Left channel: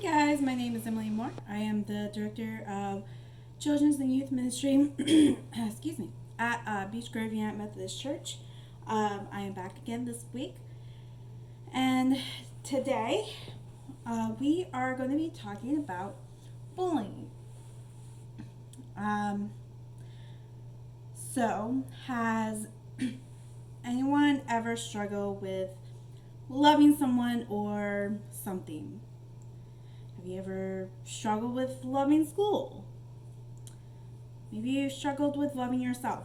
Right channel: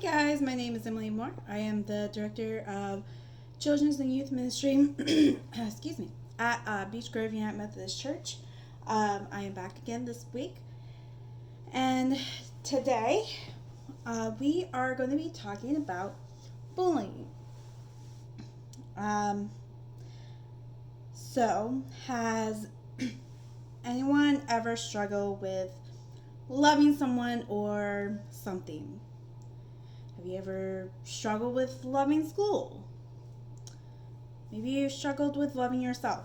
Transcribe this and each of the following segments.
Hey guys, my name is Emily Moore. I am the director of Children's and Youth Ministry excuse me, at Beach Grove United Methodist Church. I am back again this week, and today we are going to be talking about bullying. Um, has anyone ever struggled with loving someone or something? Have you ever struggled with loving school? Maybe you struggled with loving yourself.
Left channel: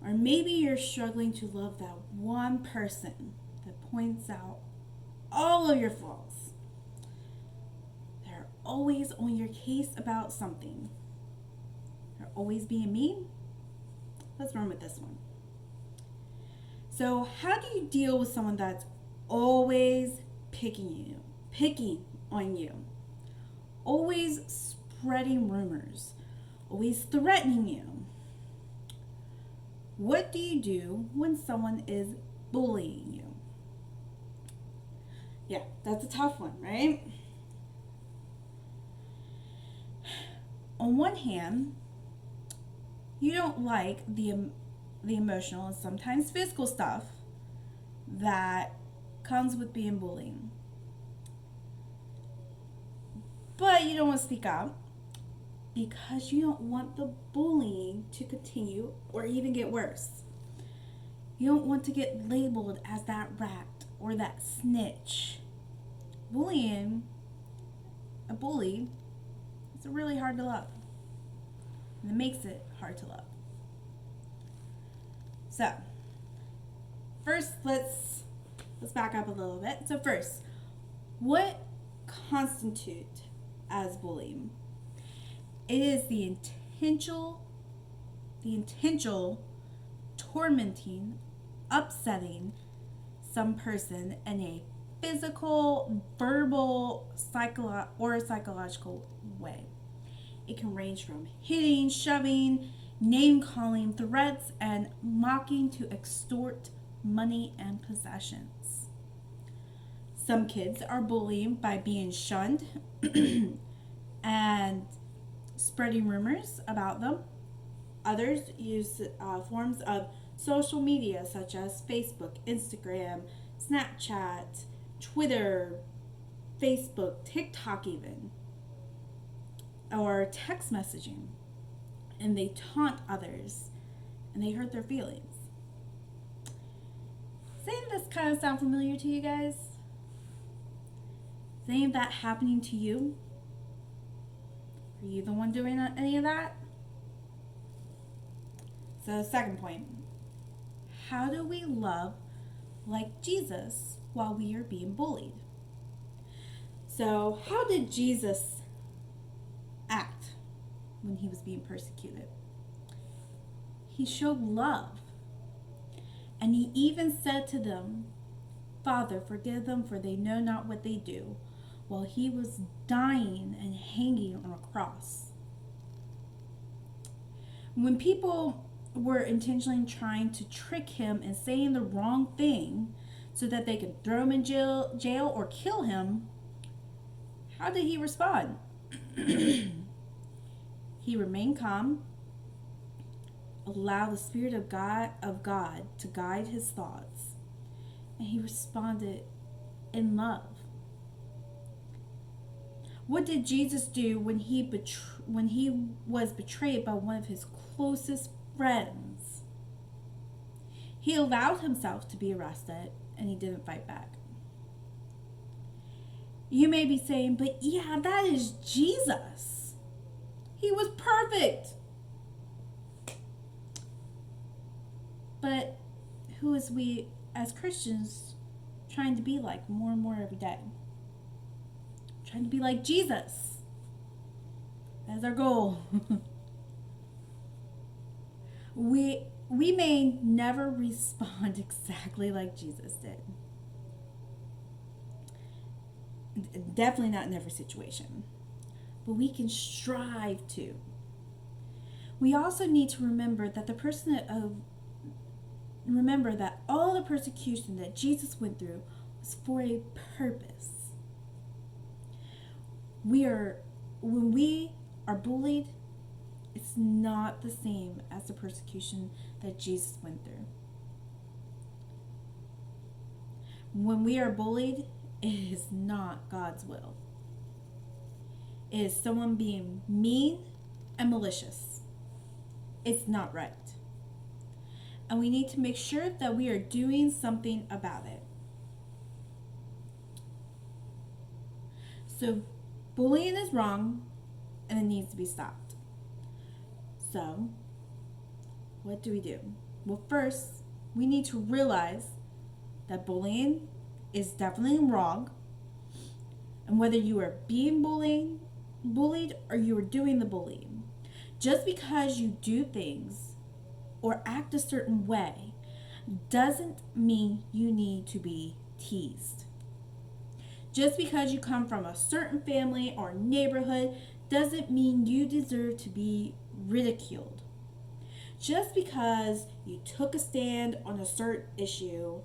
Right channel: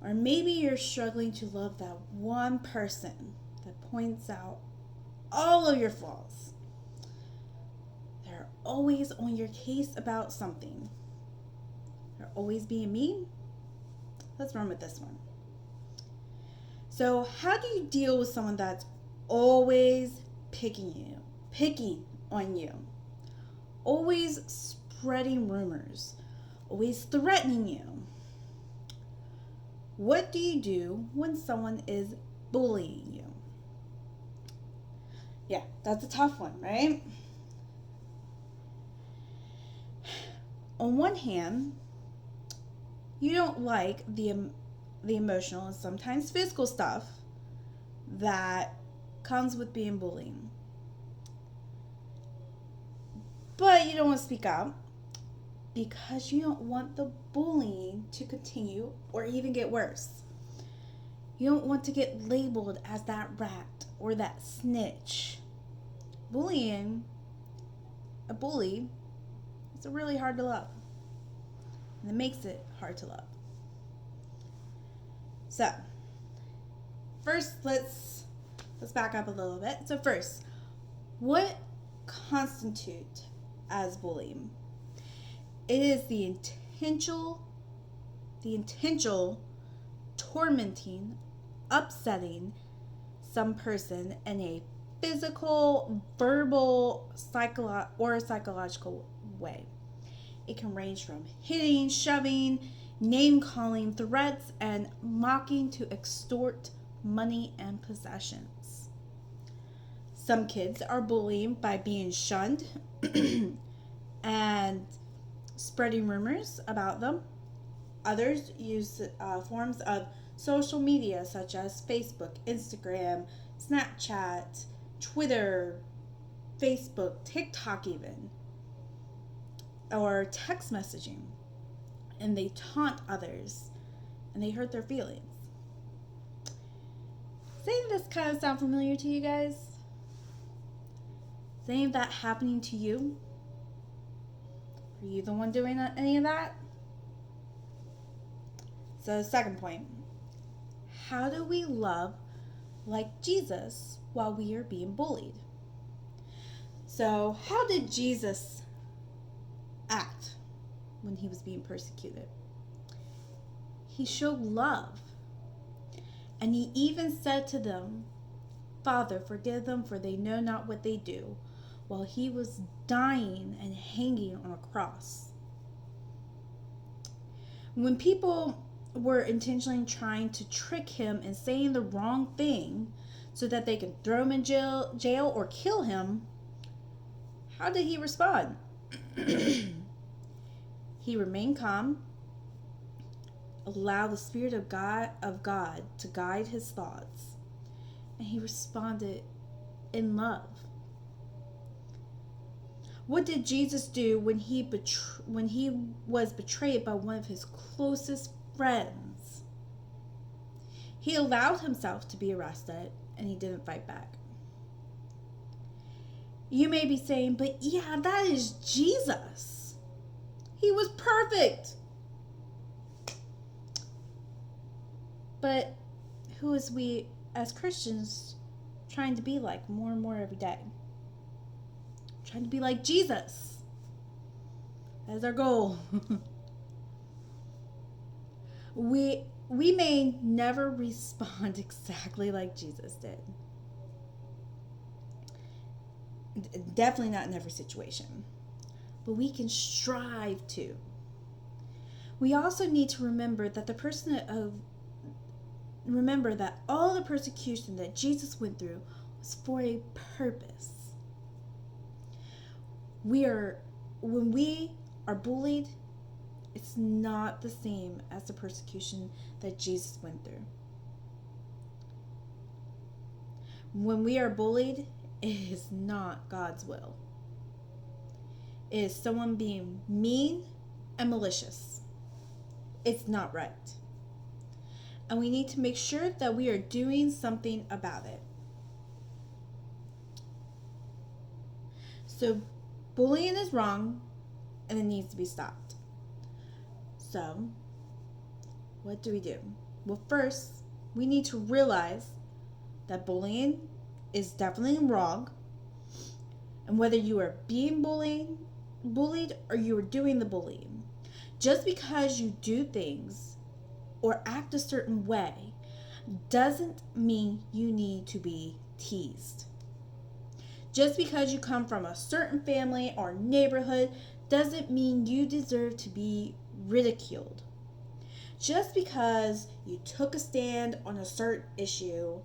Or maybe you're struggling to love that one person that points out all of your flaws. They're always on your case about something. They're always being mean. Let's run with this one. So, how do you deal with someone that's always picking on you, always spreading rumors, always threatening you? What do you do when someone is bullying you? Yeah, that's a tough one, right? On one hand, you don't like the emotional and sometimes physical stuff that comes with being bullied. But you don't want to speak out because you don't want the bullying to continue or even get worse. You don't want to get labeled as that rat or that snitch. A bully, it's really hard to love. And it makes it hard to love. So, first let's back up a little bit. So first, what constitutes as bullying? It is the intentional tormenting, upsetting some person in a physical, verbal, or psychological way. It can range from hitting, shoving, name calling, threats, and mocking to extort money and possessions. Some kids are bullied by being shunned and spreading rumors about them. Others use forms of social media such as Facebook, Instagram, Snapchat, Twitter, Facebook, TikTok even, or text messaging, and they taunt others and they hurt their feelings. Does any of this kind of sound familiar to you guys? Is any of that happening to you? Are you the one doing any of that? So, second point, how do we love like Jesus while we are being bullied? So, how did Jesus act when he was being persecuted? He showed love. And he even said to them, "Father, forgive them, for they know not what they do," while he was dying and hanging on a cross. When people were intentionally trying to trick him and saying the wrong thing so that they could throw him in jail or kill him, how did he respond? He remained calm, allowed the Spirit of God to guide his thoughts, and he responded in love. What did Jesus do when he was betrayed by one of his closest friends? He allowed himself to be arrested and he didn't fight back. You may be saying, "But yeah, that is Jesus. He was perfect." But who is we as Christians trying to be like more and more every day? Trying to be like Jesus. That is our goal. We may never respond exactly like Jesus did. Definitely not in every situation. But we can strive to. We also need to remember that all the persecution that Jesus went through was for a purpose. We are when we are bullied, it's not the same as the persecution that Jesus went through. When we are bullied, it is not God's will. It is someone being mean and malicious. It's not right. And we need to make sure that we are doing something about it. So, bullying is wrong and it needs to be stopped. So, what do? Well, first, we need to realize that bullying is definitely wrong. And whether you are being bullied or you are doing the bullying, just because you do things or act a certain way doesn't mean you need to be teased. Just because you come from a certain family or neighborhood doesn't mean you deserve to be ridiculed. Just because you took a stand on a certain issue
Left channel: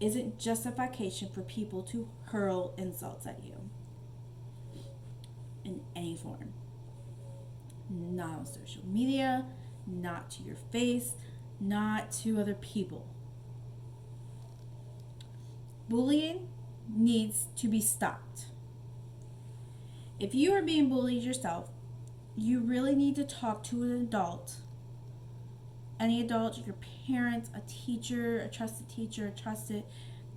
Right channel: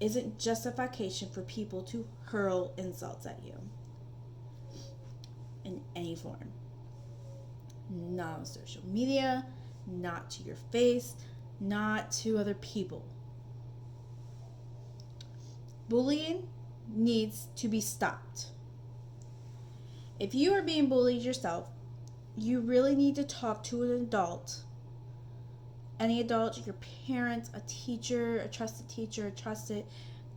isn't justification for people to hurl insults at you in any form. Not on social media, not to your face, not to other people. Bullying needs to be stopped. If you are being bullied yourself, you really need to talk to an adult. Any adult, your parents, a teacher, a trusted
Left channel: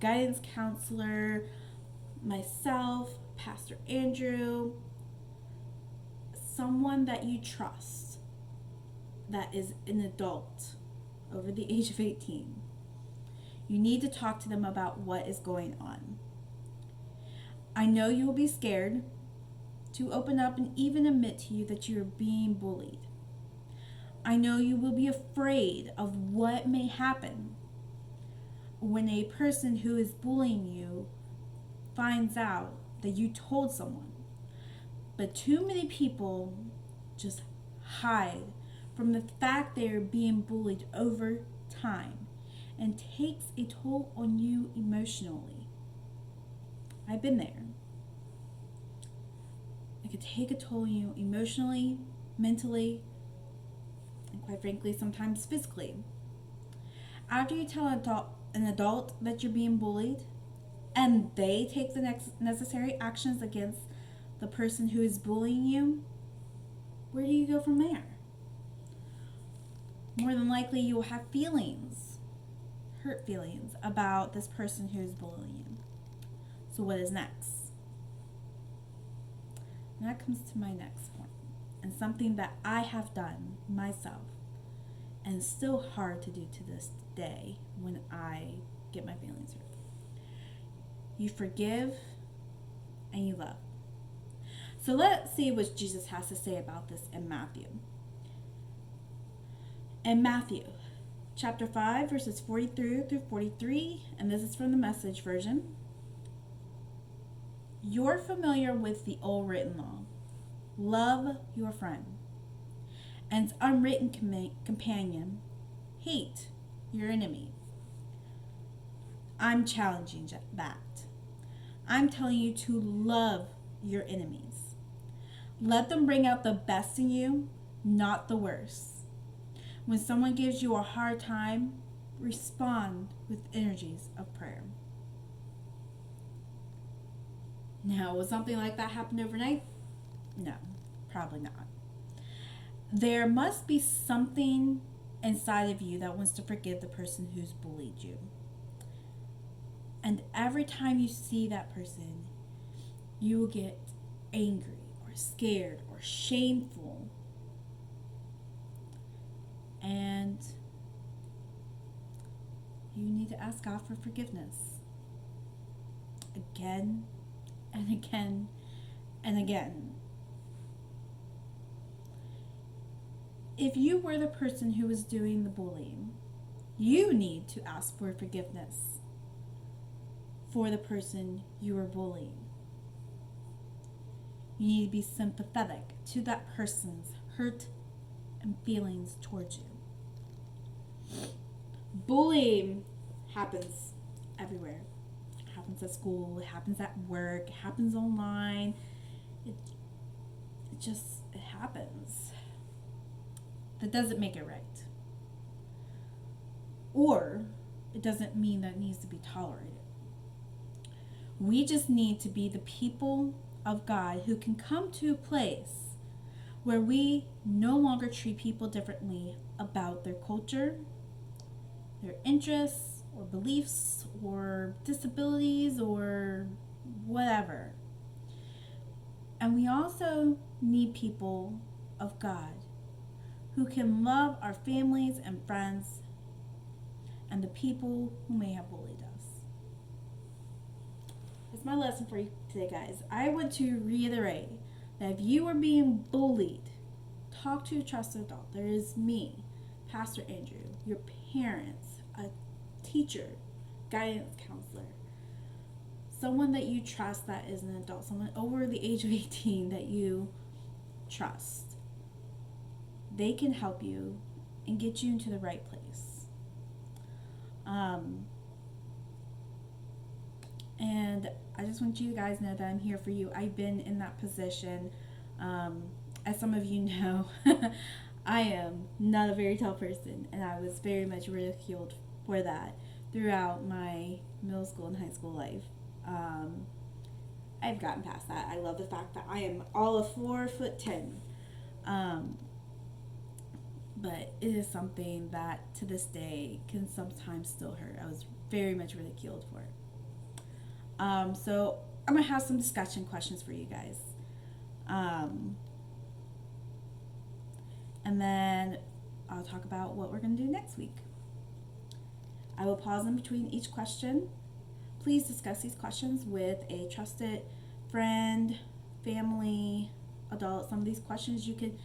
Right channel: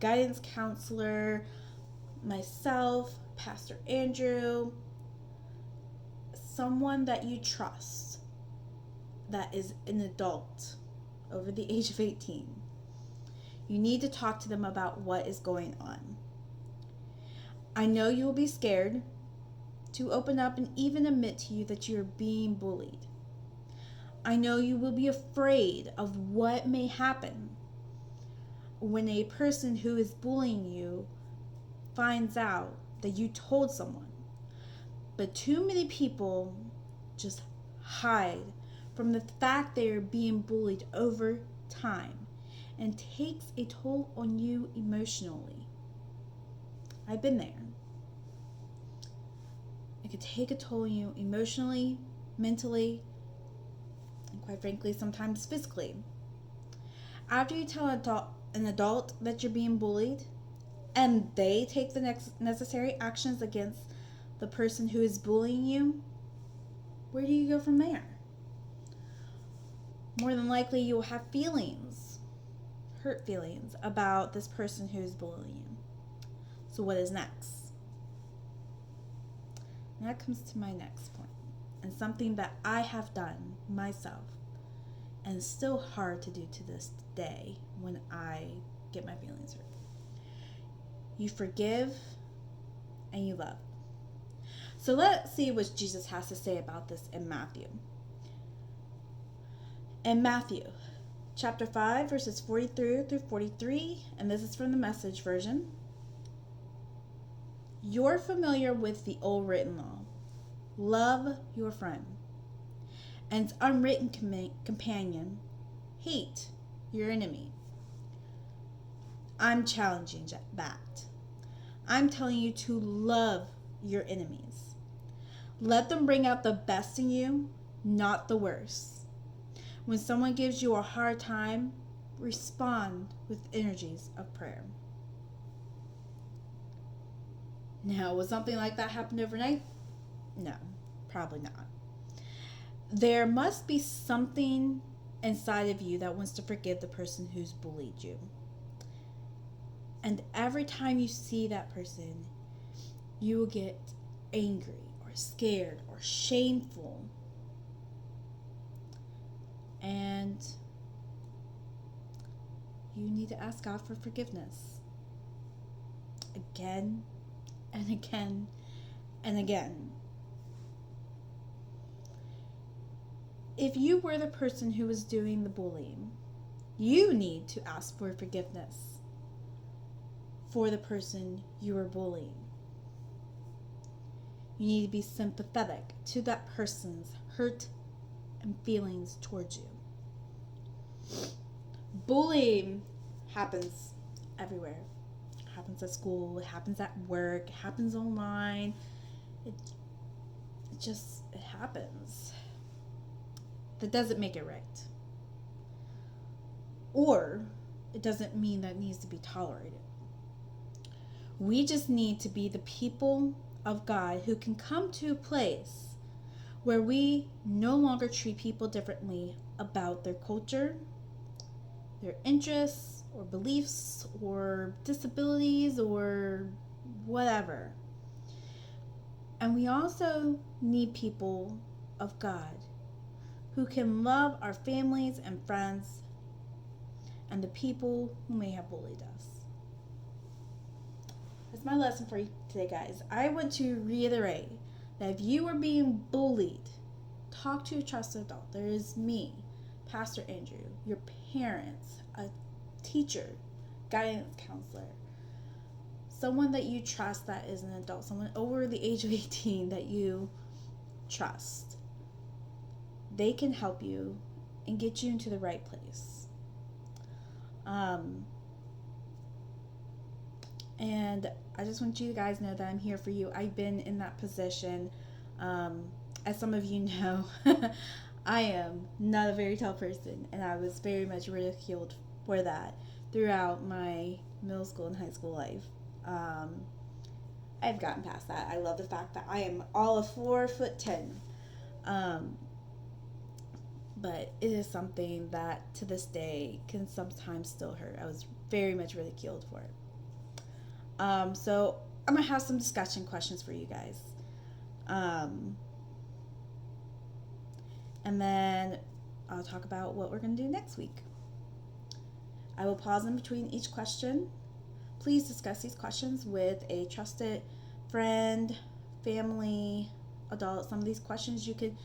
guidance counselor, myself, Pastor Andrew, someone that you trust that is an adult over the age of 18. You need to talk to them about what is going on. I know you will be scared to open up and even admit to you that you are being bullied. I know you will be afraid of what may happen when a person who is bullying you finds out that you told someone. But too many people just hide from the fact they are being bullied over time and takes a toll on you emotionally. I've been there. It could take a toll on you emotionally, mentally, and quite frankly, sometimes physically. After you tell an adult that you're being bullied, and they take the necessary actions against the person who is bullying you, where do you go from there? More than likely, you will have hurt feelings about this person who is bullying you. So what is next? And that comes to my next point, and something that I have done myself, and it's still hard to do to this day when I get my feelings hurt. You forgive and you love. So let's see what Jesus has to say about this in Matthew. In Matthew chapter 5, verses 43 through 43, and this is from the Message version. You're familiar with the old written law. Love your friend. And its unwritten companion, hate your enemy. I'm challenging that. I'm telling you to love your enemies. Let them bring out the best in you, not the worst. When someone gives you a hard time, respond with energies of prayer. Now, will something like that happen overnight? No, probably not. There must be something inside of you that wants to forgive the person who's bullied you. And every time you see that person, you will get angry or scared or shameful. And you need to ask God for forgiveness. Again and again and again. If you were the person who was doing the bullying, you need to ask for forgiveness for the person you were bullying. You need to be sympathetic to that person's hurt and feelings towards you. Bullying happens everywhere. It happens at school, it happens at work, it happens online, It it happens. That doesn't make it right. Or it doesn't mean that it needs to be tolerated. We just need to be the people of God who can come to a place where we no longer treat people differently about their culture, their interests, or beliefs, or disabilities, or whatever. And we also need people of God who can love our families and friends and the people who may have bullied us. That's my lesson for you today, guys. I want to reiterate that if you are being bullied, talk to a trusted adult. There is me, Pastor Andrew, your parents, a teacher, guidance counselor, someone that you trust that is an adult, someone over the age of 18 that you trust. They can help you and get you into the right place. And I just want you guys to know that I'm here for you. I've been in that position. As some of you know, I am not a very tall person, and I was very much ridiculed for that throughout my middle school and high school life. I've gotten past that. I love the fact that I am all of 4'10". But it is something that to this day can sometimes still hurt. I was very much ridiculed for it. So I'm going to have some discussion questions for you guys. And then I'll talk about what we're going to do next week. I will pause in between each question. Please discuss these questions with a trusted friend, family, adult. Some of these questions you could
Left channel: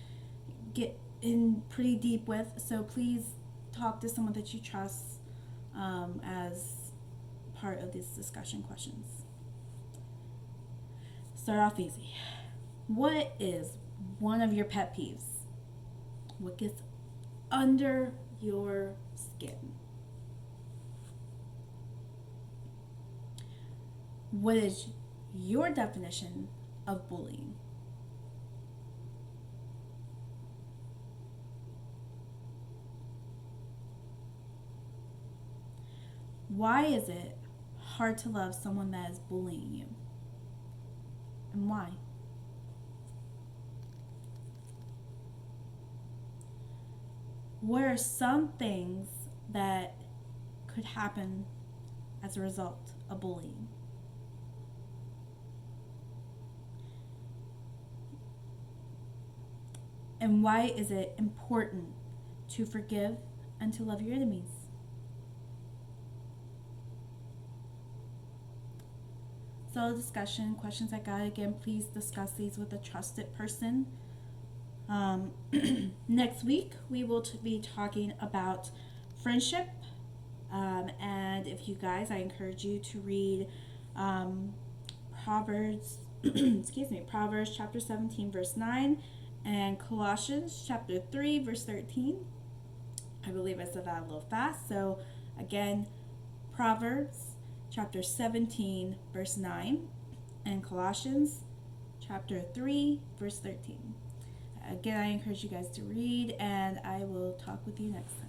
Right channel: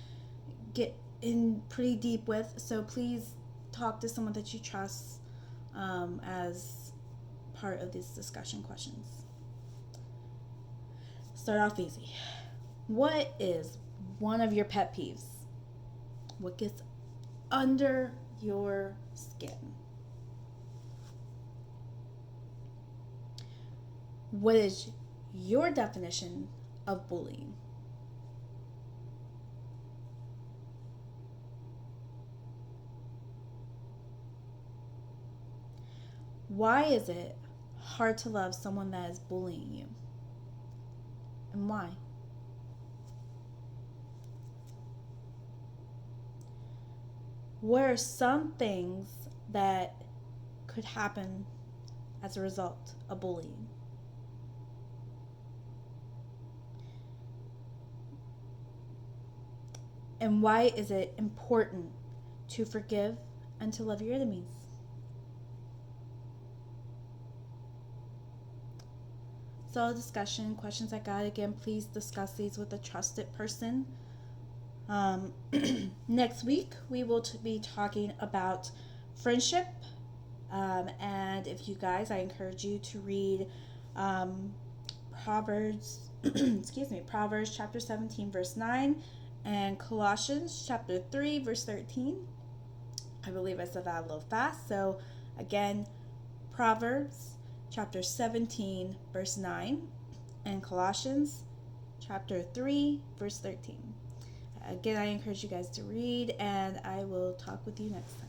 get in pretty deep with, so please talk to someone that you trust as part of these discussion questions. Start off easy. What is one of your pet peeves? What gets under your skin? What is your definition of bullying? Why is it hard to love someone that is bullying you? And why? What are some things that could happen as a result of bullying? And why is it important to forgive and to love your enemies? So discussion, questions I got. Again, please discuss these with a trusted person. Next week, we will be talking about friendship. And if you guys, I encourage you to read Proverbs, Proverbs chapter 17, verse 9, and Colossians chapter 3, verse 13. I believe I said that a little fast. So again, Proverbs chapter 17, verse 9, and Colossians chapter 3, verse 13. Again, I encourage you guys to read, and I will talk with you next time.